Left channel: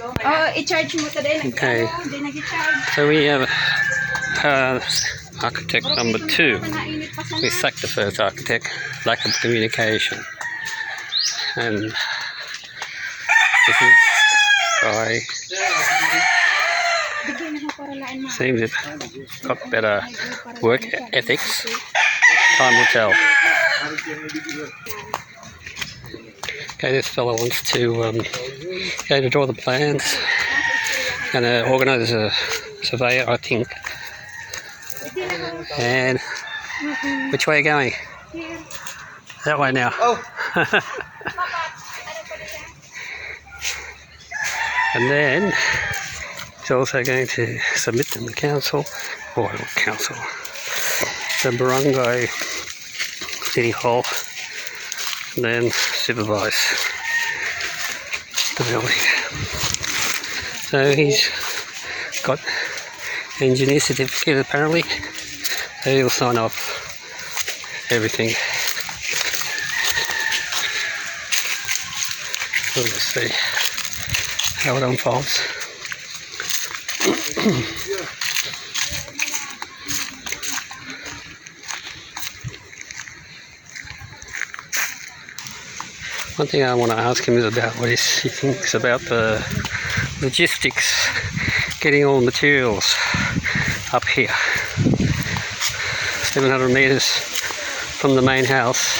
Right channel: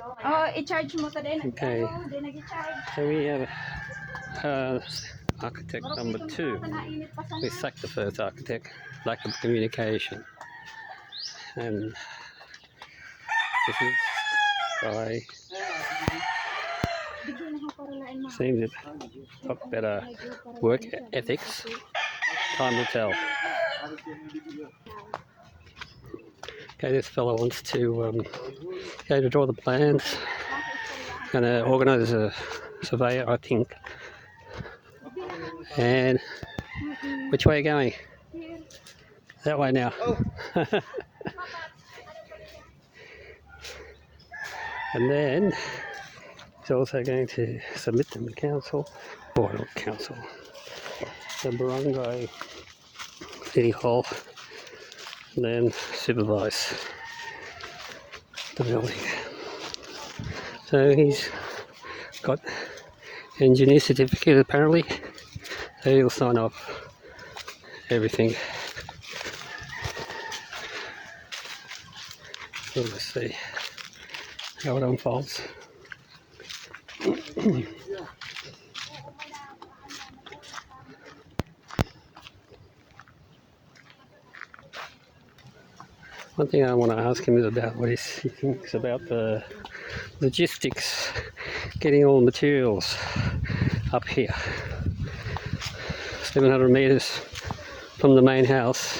Okay, so we have architect number 2. We sacked the first architect, lack of communication. And this is guy seems to have got better work ethics. Time will tell. Okay, this fellow wants to go to draw the plans and organise a surveyor, I think. And which way are you going? That way now. And then he's also going to submit them to council, or not council, the Barungo City Hall, and then Supervise the building. So he's got engineer certificate apparently, so he'll sign off everything. We'll just see how it unfolds. One thing I want to ask him is about what he thinks about the logistics, getting all the materials up here. 700 metres from the main house,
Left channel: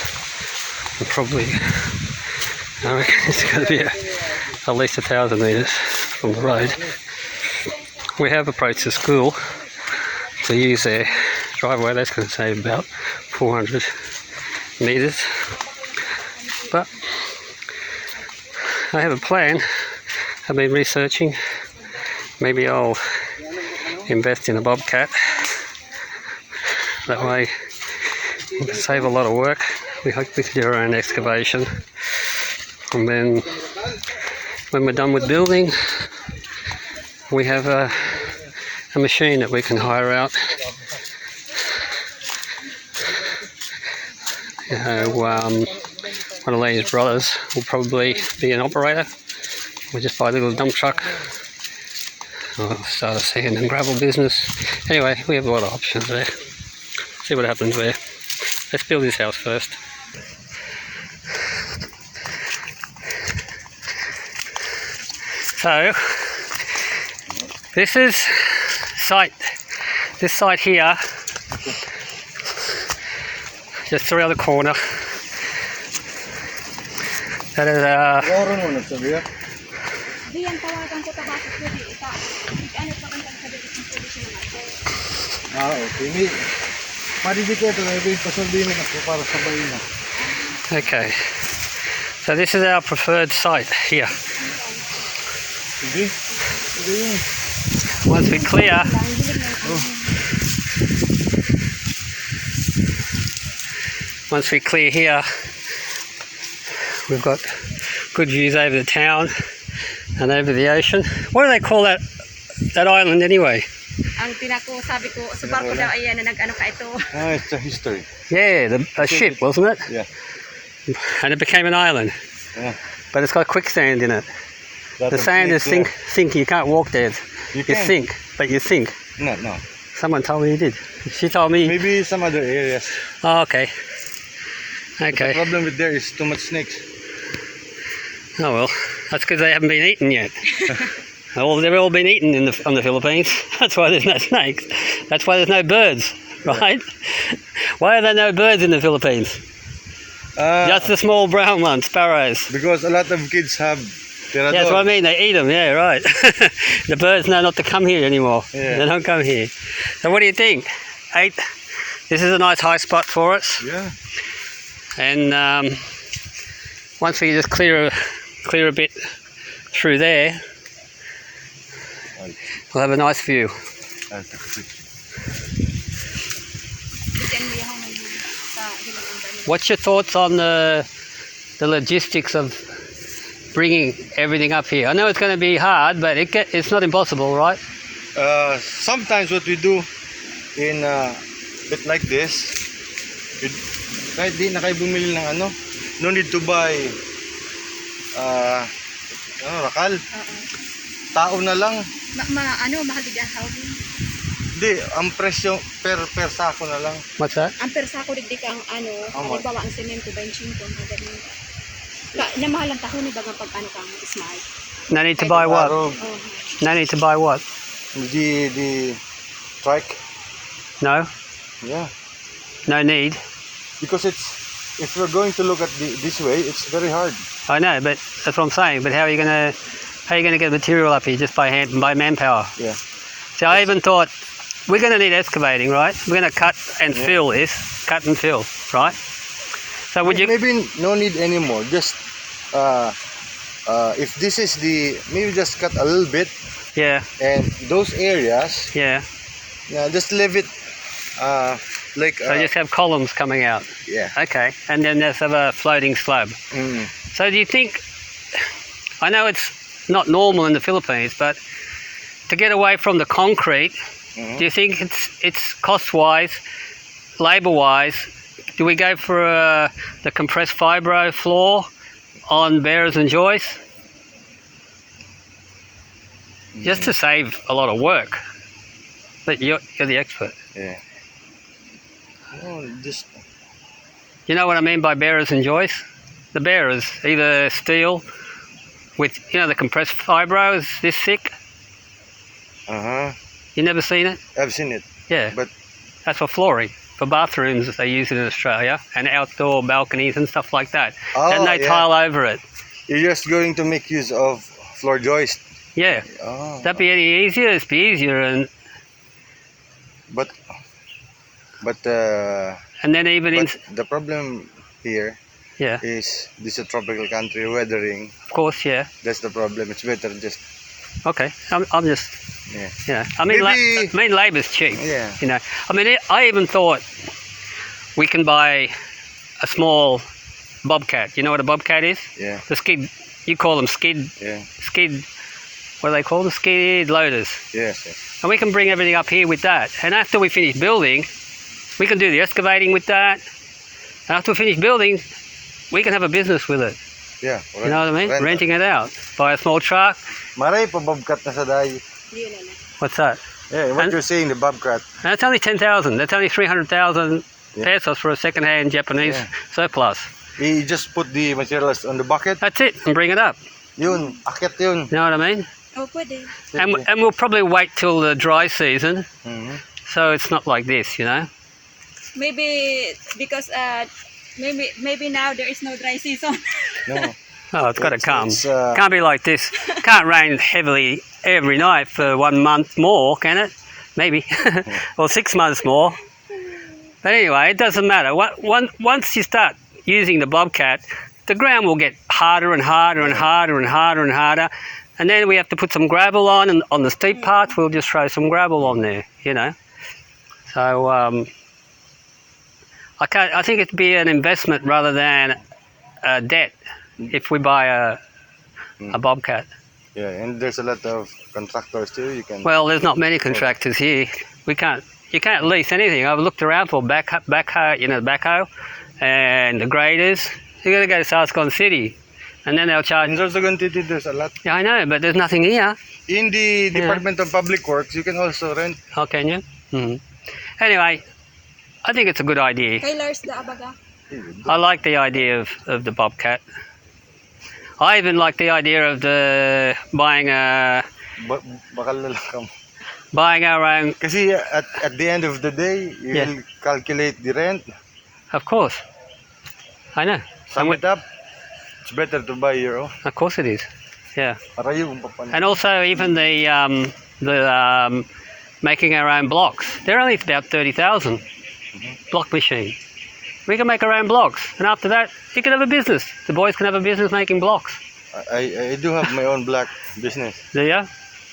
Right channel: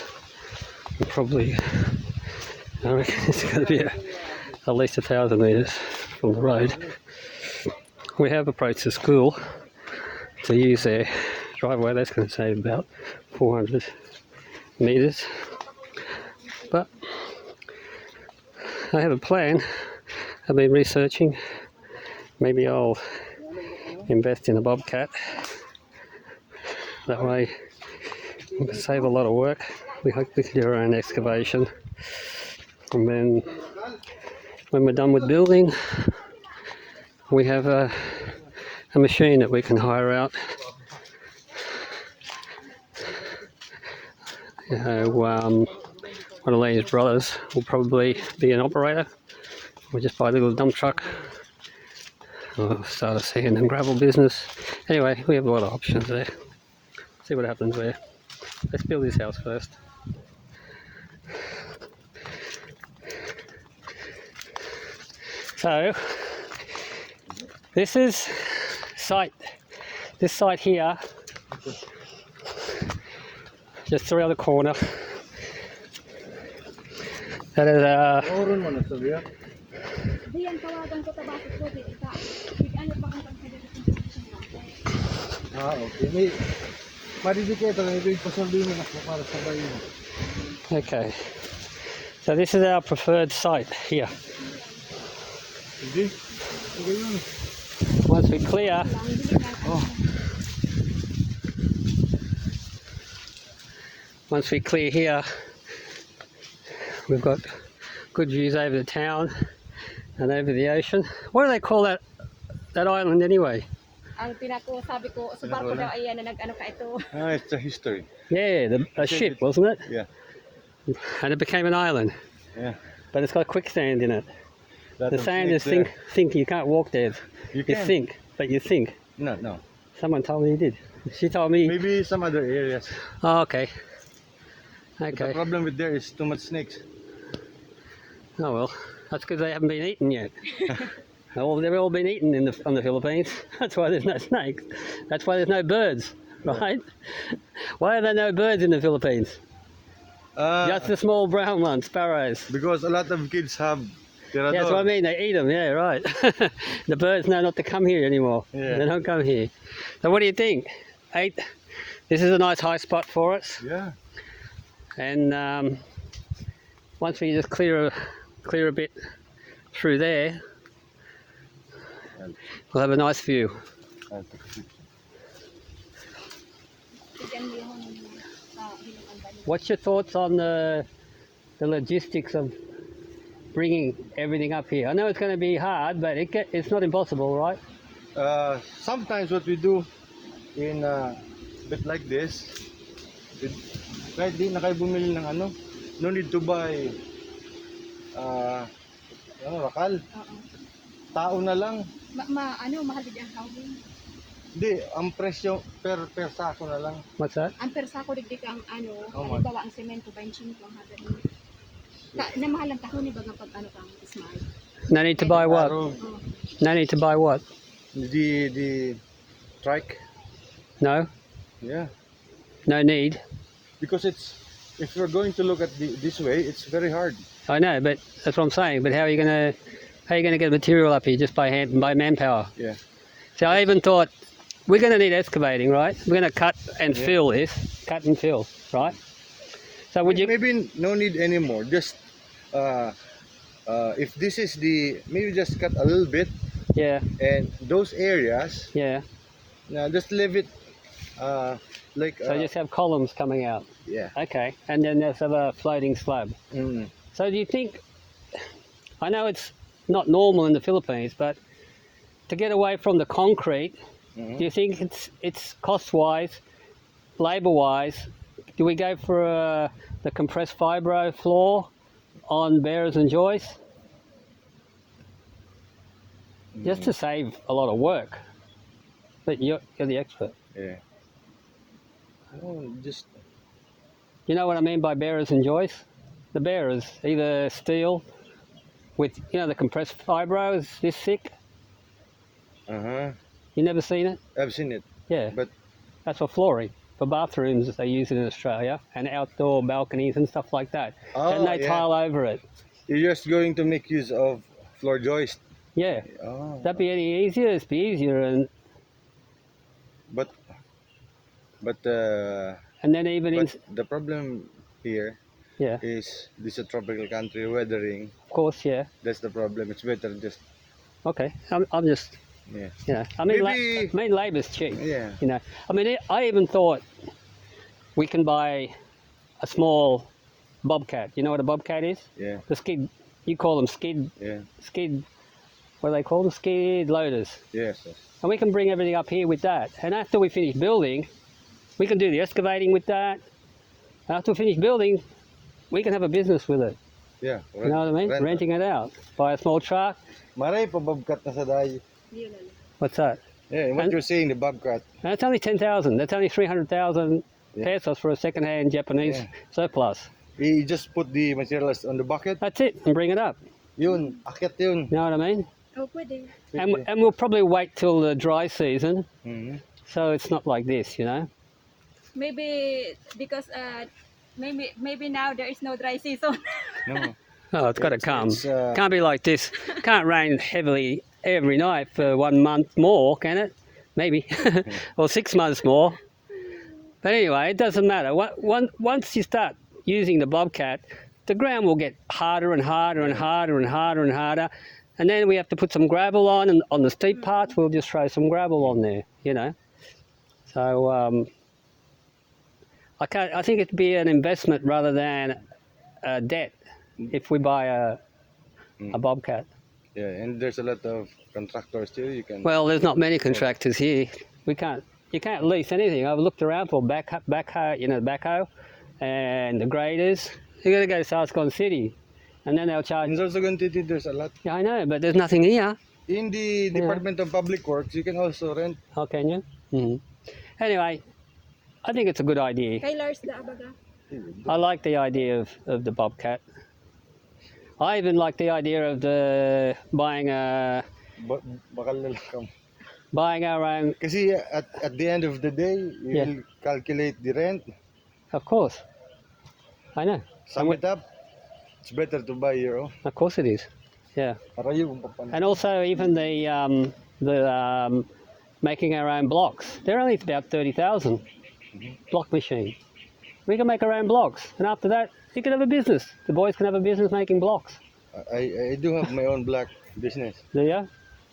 and probably, I reckon it's going to be at least 1,000 metres from the road. We have approached the school to use their driveway. That's going to save about 400 metres. But I have a plan. I've been researching. Maybe I'll invest in a bobcat. That way we can save a lot of work. We hope we can do our own excavation. And then when we're done with building, we have a machine that we can hire out. One of these brothers will probably be an operator. We'll just buy a little dump truck. I'll start a sand and gravel business. Anyway, we have a lot of options there. See what happens there. Let's build this house first. So, this is this site here, just around the corner. That is okay. So this is our preferred site here. Once we clear, here, we've got good views over the town and over the ocean. What do they call that island anyway? It's a history. Yeah, a ship, wasn't it? Yeah. And it became an island. Yeah. But it's got quicksand in it. The sand is sink. You can't walk there. You sink, but you sink. No. Someone told me you did. She told me. Maybe some other areas. Oh, okay. Okay. The problem with there is too much snakes. Oh well, that's because they haven't been eaten yet. They've all been eaten on the Philippines. That's why there's no snakes. That's why there's no birds, right? Why are there no birds in the Philippines? Just the small brown ones, sparrows. Because a lot of kids have tirador. Yeah, that's what I mean. They eat them. Yeah, right. The birds know not to come here anymore. Yeah. They don't come here. So what do you think? 8. This is a nice high spot for us. Yeah. And once we just clear a bit through there, we'll have a nice view. What's your thoughts on the logistics of bringing everything up here? I know it's going to be hard, but it's not impossible, right? Sometimes what we do in a bit like this, kahit di na kayo bumili ng ano, no need to buy rakal. tao na lang. Mahal din ang Hindi, ang presyo per sako na lang. What's that? ang persa ko digdi ang Much? halimbawa ang semento 25 ang ganun. Na mahal ang tahon ni bagang pag kang smile. No need to buy what? Araw, Oh. No need to buy what? the trike. No? Yeah. No need. Because if we're going to look at this way, it's very hard. I know, but that's what I'm saying. But how are you gonna get material up here just by manpower? Yeah. So I even thought we're gonna need excavating, right? We're gonna cut and fill this, right? So would you? Maybe no need anymore. Just if this is maybe just cut a little bit, Yeah, and those areas, yeah. just leave it like So just have columns coming out. yeah. Okay, and then there's a floating slab. Mm. So do you think? I know it's not normal in the Philippines, but to get away from the concrete, Mhm. do you think it's cost-wise, labour-wise? Do we go for the compressed fibro floor on bearers and joists? Just to save a lot of work. But you're the expert. Yeah. No, just You know what I mean by bearers and joists? The bearers, either steel with, the compressed fibro is this thick. You never seen it? I've seen it, Yeah. but That's for flooring. For bathrooms, they use it in Australia, and outdoor balconies and stuff like that. Then they yeah. tile over it. You're just going to make use of floor joist. Yeah. Oh. That'd be any easier? It'd be easier, and But then even in, the problem here yeah, is this is a tropical country, weathering. of course, yeah. That's the problem. It's better just Okay, I'm just, yeah. I mean, Maybe- labour's cheap. Yeah. I mean, I even thought we can buy a small bobcat. You know what a bobcat is? Yeah. The skid. You call them skid. Yeah. What do they call them? Skid loaders. Yes. Yes. And we can bring everything up here with that. And after we finish building, we can do the excavating with that. And after we finish building, we can have a business with it. Yeah. You know what I mean? Rent. Renting it out. Buy a small truck. Maray pa bobcat na sa dahi. Yun na. What's that? Yeah. What And- you're saying, the bobcat. And that's only 10,000. That's only 300,000 Yeah. pesos for a second-hand Japanese Yeah. surplus. We just put the materials on the bucket. That's it. And bring it up. Yun, akit yun. You know what I mean? Oh, pwede. And we'll probably wait till the dry season, Mhm. so it's not like this, Maybe because maybe now there is no dry season. No. Oh, it's got to come. It's, Can't be like this. Can't rain heavily every night for 1 month more, can it? Maybe. Or 6 months more. But anyway, it doesn't matter. Once you start using the bobcat, the ground will get harder and harder and harder and harder and harder. And then we have to put some gravel on, and on the steep parts, we'll just throw some gravel on there, So I think it'd be an investment rather than a debt if we buy a bobcat. Yeah, and there's a lot of contractors too. You can. Well, there's not many contractors here. You can't lease anything. I've looked around for backhoe and the graders. You got to go to Saskon City, and then they'll charge. In Sorsogon City, there's a lot. Yeah, I know, but there's nothing here. In the Department of Public Works, you can also rent. How can you? Anyway, I think it's a good idea. Kay Lars da abaga. I like the idea of the bobcat. I even like the idea of buying Bakal na lang kam. buying our own. Kasi at the end of the day, you Yeah. will calculate the rent, Of course, I know. sum it up. It's better to buy your own. Of course it is. Yeah. Para yung papalit. And also even the making our own blocks. They're only about 30,000 block machine. We can make our own blocks, and after that, you can have a business. The boys can have a business making blocks. I do have my own black business, Do you?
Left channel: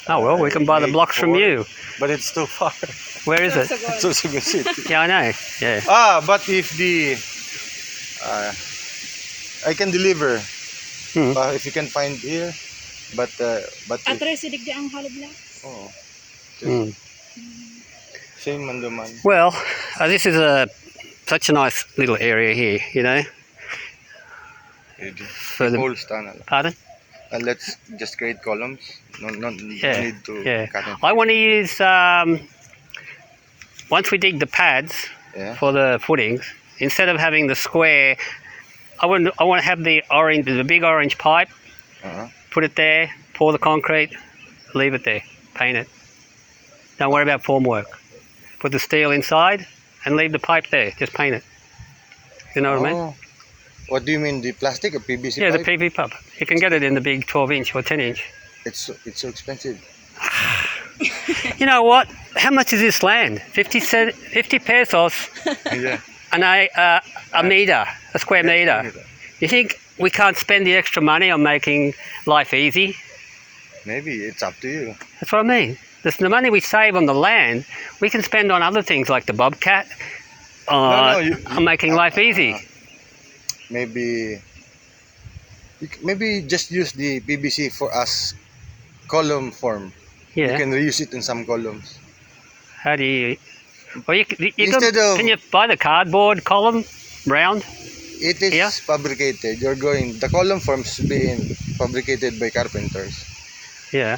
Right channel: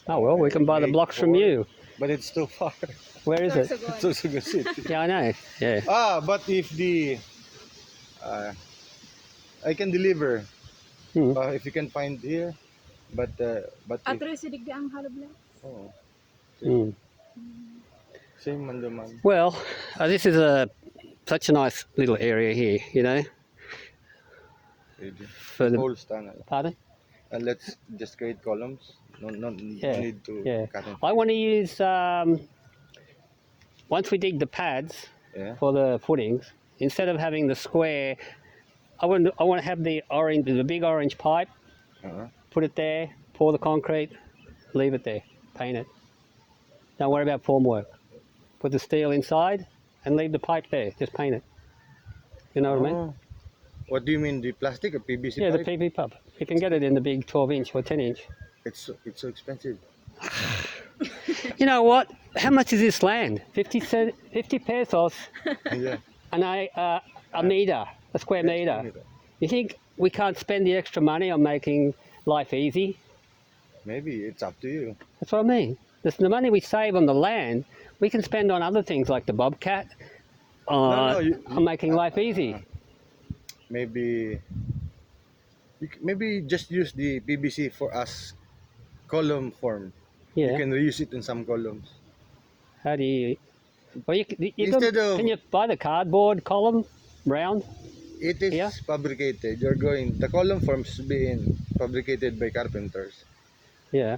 Oh well, we can buy the blocks from you. but it's too far. Where is it? Sorsogon City. Yeah, I know. Yeah. But if I can deliver, if you can find here, but if, Atres sidig di ang halabla. Mm. same man duman. Well, this is such a nice little area here. For the Whole tunnel. pardon? let's just create columns. No Yeah, need to yeah. cut it. I want to use, once we dig the pads Yeah. for the footings, instead of having the square, I want to have the big orange pipe, Uh-huh. put it there, pour the concrete, leave it there, paint it. Don't worry about formwork. Put the steel inside and leave the pipe there, just paint it. You know what I mean? Oh. What do you mean, the plastic or PVC Yeah, pipe? the PV pipe. You can get it in the big 12-inch or 10-inch. It's so expensive. You know what? How much is this land? 50 pesos Yeah. a meter, a square meter. You think we can't spend the extra money on making life easy? Maybe it's up to you. That's what I mean. The money we save on the land, we can spend on other things like the bobcat, on making life easy. Maybe just use the PVC for us column form. You Yeah. can reuse it in some columns. How do you? Well, Instead of- can you buy the cardboard column round? It is Yeah. fabricated. The column forms being fabricated by carpenters. Yeah.